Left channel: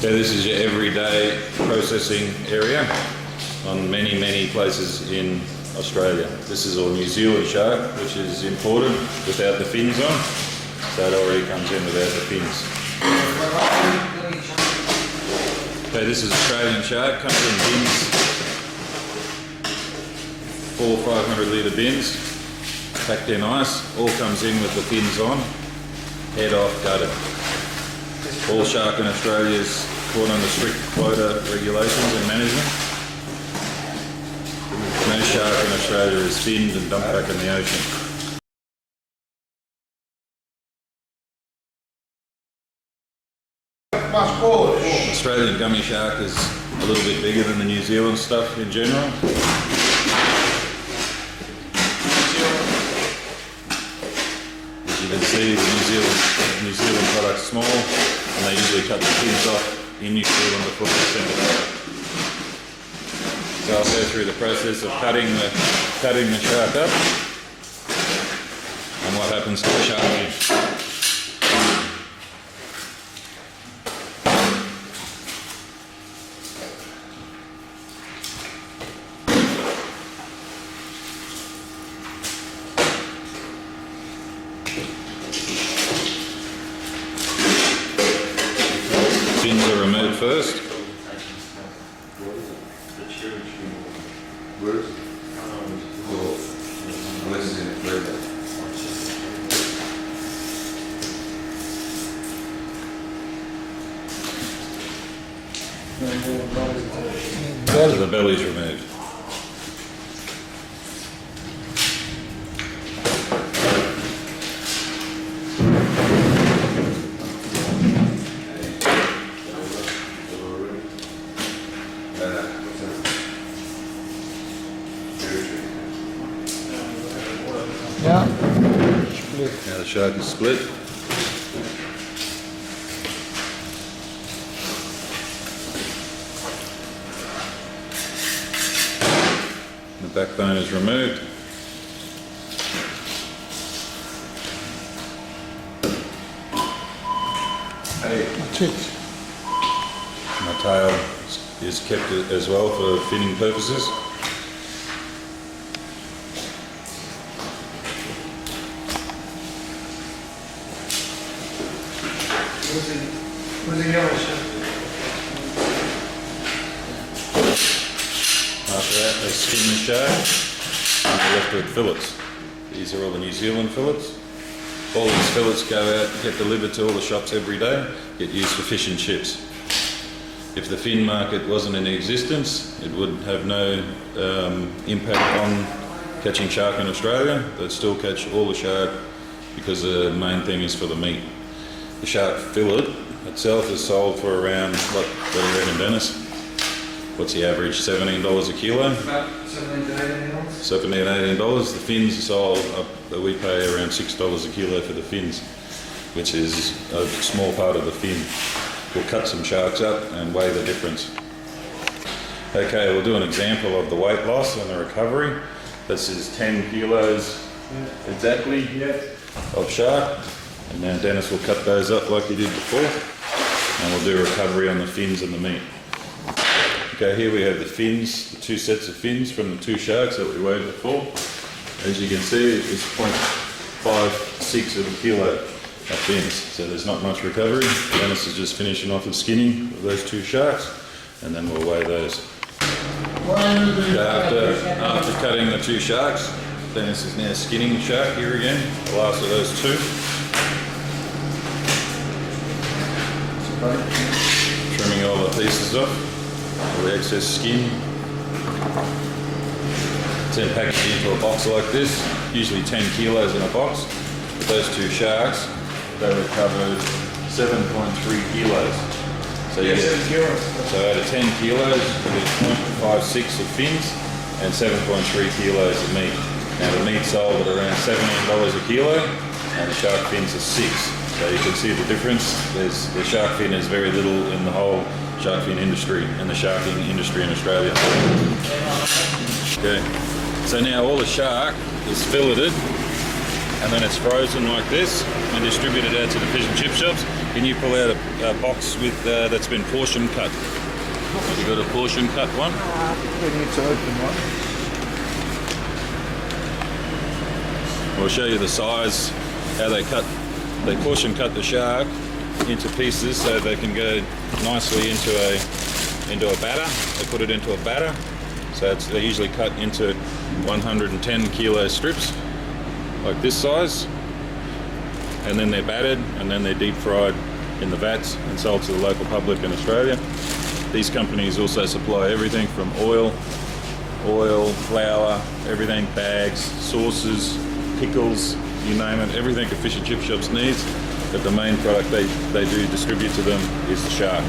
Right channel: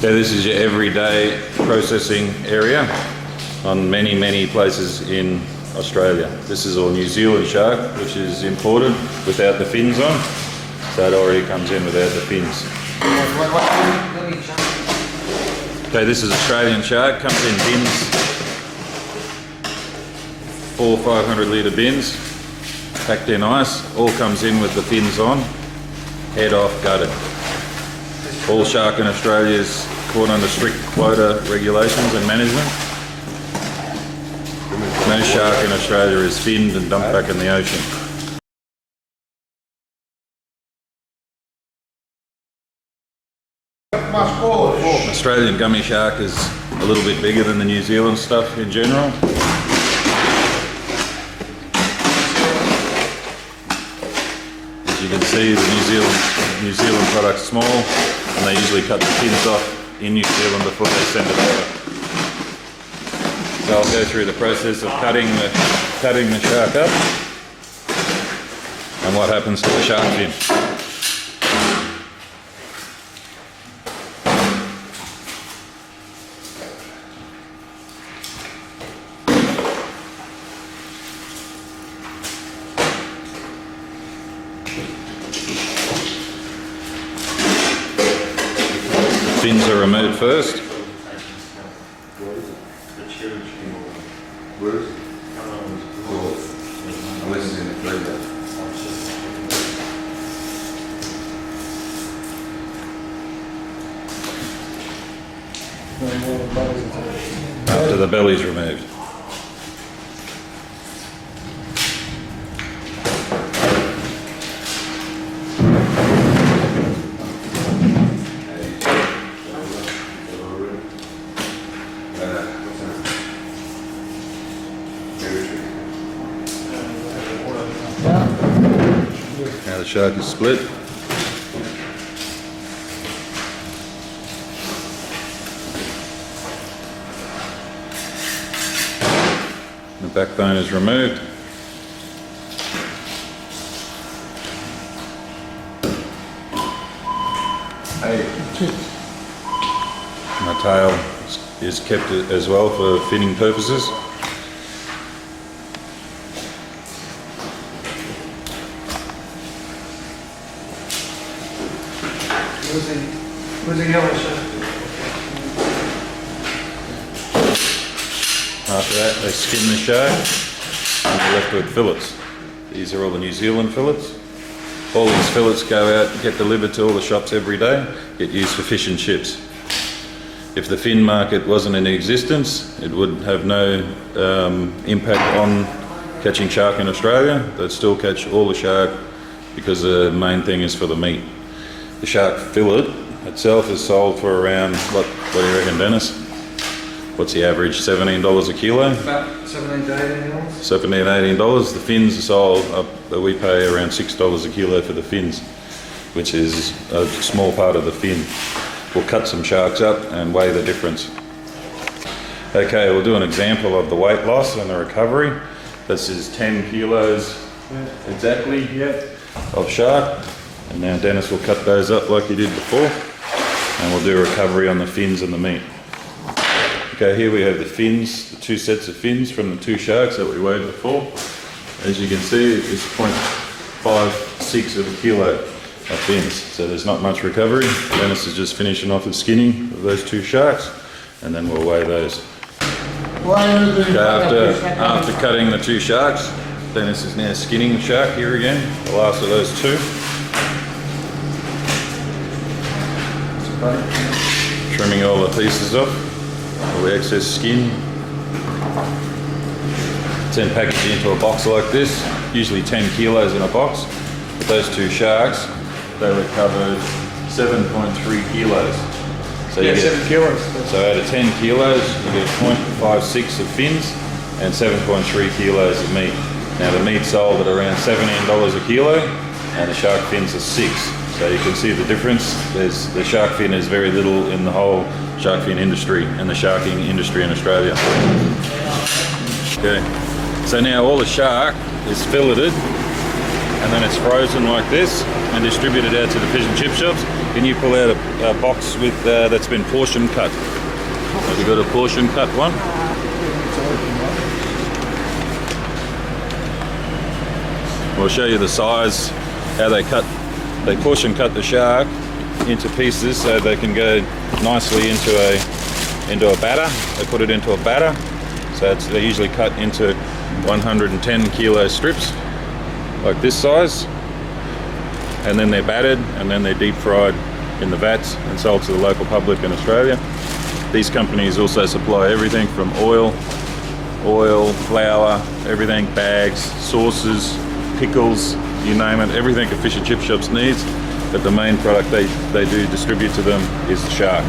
So this is your everyday processing area on many places in Australia. This is all New Zealand shark, which is imported without the fins on. So it already comes in without the fins. Okay, this is Australian shark, comes in bins, 400 or 500 litre bins, packed in ice, all comes in with the fins on, head off, gutted. All shark in Australia is caught under strict quota regulations and management. No shark in Australia is finned and dumped back in the ocean. Australian gummy shark is a little bit bigger than the New Zealand stuff in general. As you can see, the New Zealand product's small, and they usually cut the fins off in New Zealand before they send it over. So I'll go through the process of cutting the shark up and what happens to the shark fin. Fins are removed first. After the belly's removed. Now the shark is split. The backbone is removed. My tail is kept as well for finning purposes. After that, they skin the shark and they're left with fillets. These are all the New Zealand fillets. All these fillets go out, get delivered to all the shops every day, get used for fish and chips. If the fin market wasn't in existence, it would have no impact on catching shark in Australia. They'd still catch all the shark because the main thing is for the meat. The shark fillet itself is sold for around, what do you reckon, Dennis? What's the average? $17 a kilo? About $17 to $18. $17, $18. The fins are sold up, we pay around $6 a kilo for the fins, which is a small part of the fin. We'll cut some sharks up and weigh the difference. Okay, we'll do an example of the weight loss and the recovery. This is 10 kilos exactly of shark. And now Dennis will cut those up like he did before, and we'll do a recovery on the fins and the meat. Okay, here we have the fins, the two sets of fins from the two sharks that we weighed before. As you can see, it's 0.56 of a kilo of fins, so there's not much recovery. Dennis is just finishing off the skinning of those two sharks, and then we'll weigh those. After cutting the two sharks, Dennis is now skinning the shark here again, the last of those two. Trimming all the pieces off, all the excess skin. It's then packaged into a box like this, usually 10 kilos in a box. With those two sharks, they recovered 7.3 kilos. So you get 7 kilos. So out of 10 kilos, you get 0.56 of fins and 7.3 kilos of meat. Now the meat sold at around $17 a kilo, and the shark fins are 6. So you can see the difference. The shark fin is very little in the whole shark fin industry and the sharking industry in Australia. Okay, so now all the shark is filleted and then it's frozen like this and distributed out to the fish and chip shops. Can you pull out a box with that's been portion cut? Have you got a portion cut one? We'll show you the size, how they portion cut the shark into pieces so they can go nicely into a batter. They put it into a batter, so they're usually cut into 110 kilo strips like this size, and then they're battered and then they're deep fried in the vats and sold to the local public in Australia. These companies also supply everything from oil, flour, everything, bags, sauces, pickles, you name it, everything a fish and chip shops needs. But the main product they do distribute to them is the shark.